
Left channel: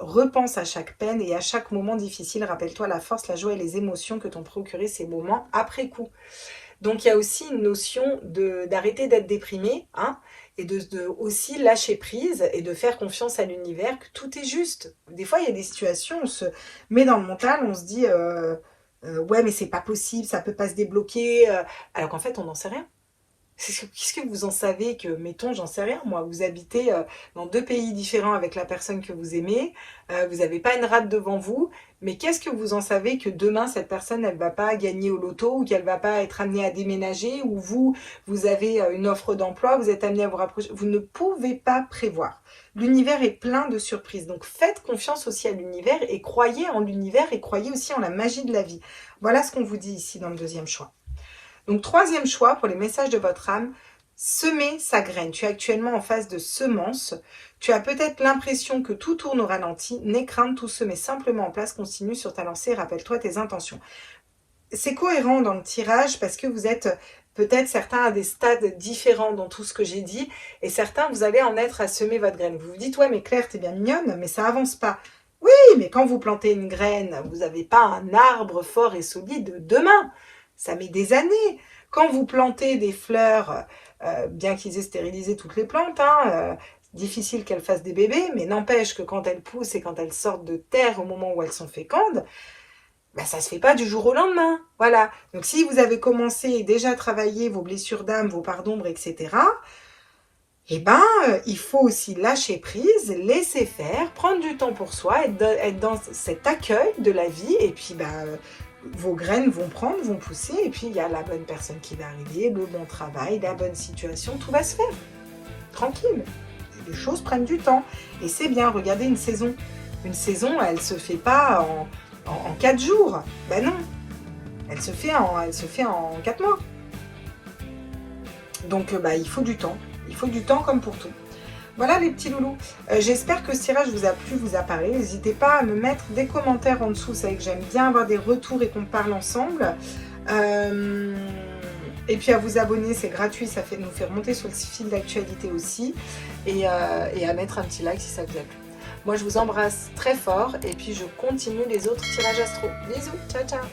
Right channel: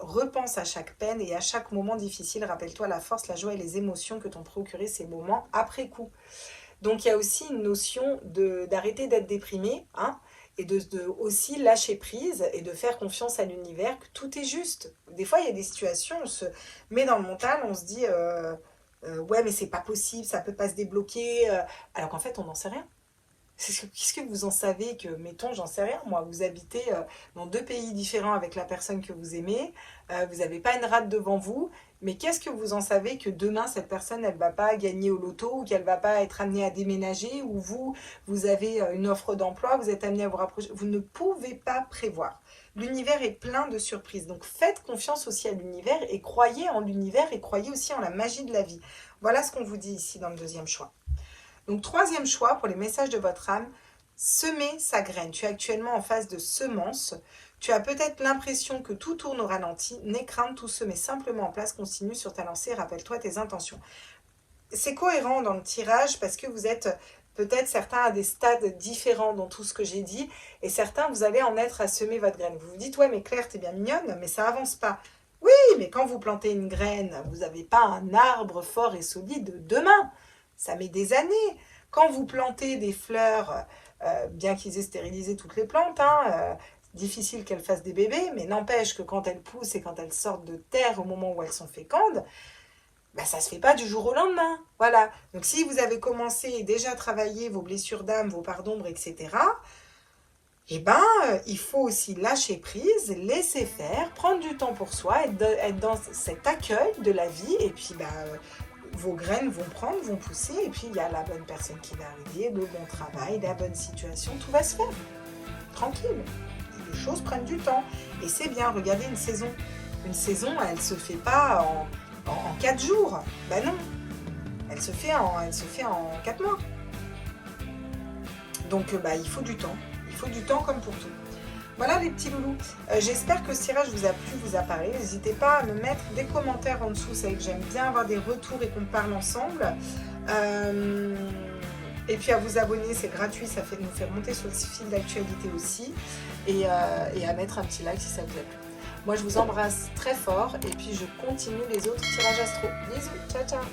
Repense à chaque peine et à chaque moment difficile. Rappelle-toi la force, la joie et les émotions que t'ont procuré ces moments après coup. Donc, il y a aussi une notion d'arrêter d'être déprimé, hein, et de aussi lâcher prise et de faire confiance à l'univers que tout est juste. Des fois, il y a des situations, on se met dans le mental, on se dit ouais, mais c'est pas possible, ça peut pas se débloquer, alors qu'en fait, on n'en sait rien. Qu'est-ce que vous en savez que, mettons, j'en sais rien, moi, vous habitez dans 2 pays différents avec la personne que vous aimez, vous n'avez pas une rate devant vous, mais qu'est-ce que vous en savez que demain, cette personne, elle ne va pas gagner au loto ou qu'elle ne va pas être amenée à déménager ou vous avez une offre d'emploi, vous êtes amené à vous rapprocher. Vous ne pouvez pas prévoir. L'univers est plein de surprises. Donc, faites confiance aussi à l'univers et croyez en l'univers et croyez aussi en la magie de la vie. Voilà ce qu'on vous dit ici dans le 2e choix. Donc, 3e choix pour les messages de votre âme, semer sa graine. Tu es actuellement en phase de semence. Tu as peut-être l'impression que tout tourne au ralenti. N'aie crainte, tout se met simplement en place. Continue sur ta lancée. Rappelle-toi tes intentions. C'est cohérent dans le tirage parce que vous êtes Peut-être certains à des stades différents dans tout ce que j'ai dit, et certains, vous allez en être à semer votre graine. Vous vous dites, ouais, mais Claire, t'es bien mignonne, mais ça avance pas. Oui, mais quand vous plantez une graine, vous n'avez pas un arbre fort et solide demain. Ça met des années. Quand vous plantez des fleurs, bien qu'ils aient stérilisé toutes les plantes, difficile qu'elles fassent des bébés, mais n'empêche que quand elles poussent et quand elles sortent de terre au moment où elles sont fécondes, ben, ça ne se fait pas du jour au lendemain. Voilà. Donc si vous avez commencé et déjà travaillé vos blessures d'âme, vos parts d'ombre, etc., eh ben, il faut aussi lâcher prise, laisser faire, prendre du temps pour soi, être dans cet accueil de la vie, et puis vos graines vont prendre, vont pousser, et puis il y a la bonne personne qui va arriver, le bon travail, la bonne situation, tout va se faire. Tranquille. Les choses prennent du temps. Et c'est bien, regardez une saison. Une saison, elle ne se fait pas en 4 jours. Ben non. Elle se fait en 4 mois. Donc il faut du temps. Il faut du temps comme pour tout. Voilà les petits loulous. J'espère que ce tirage vous a plu, vous a parlé. N'hésitez pas à me mettre des commentaires en dessous. C'est vrai que j'aime bien avoir des retours et qu'on parle ensemble. Et puis à vous abonner, c'est gratuit, ça nous fait remonter sur le fil d'actualité aussi. Et à mettre un petit like si ça vous a plu. Moi je vous embrasse très fort et puis je continue les autres tirages astro. Bisous, ciao ciao.